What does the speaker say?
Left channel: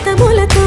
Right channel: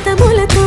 అమృతములతో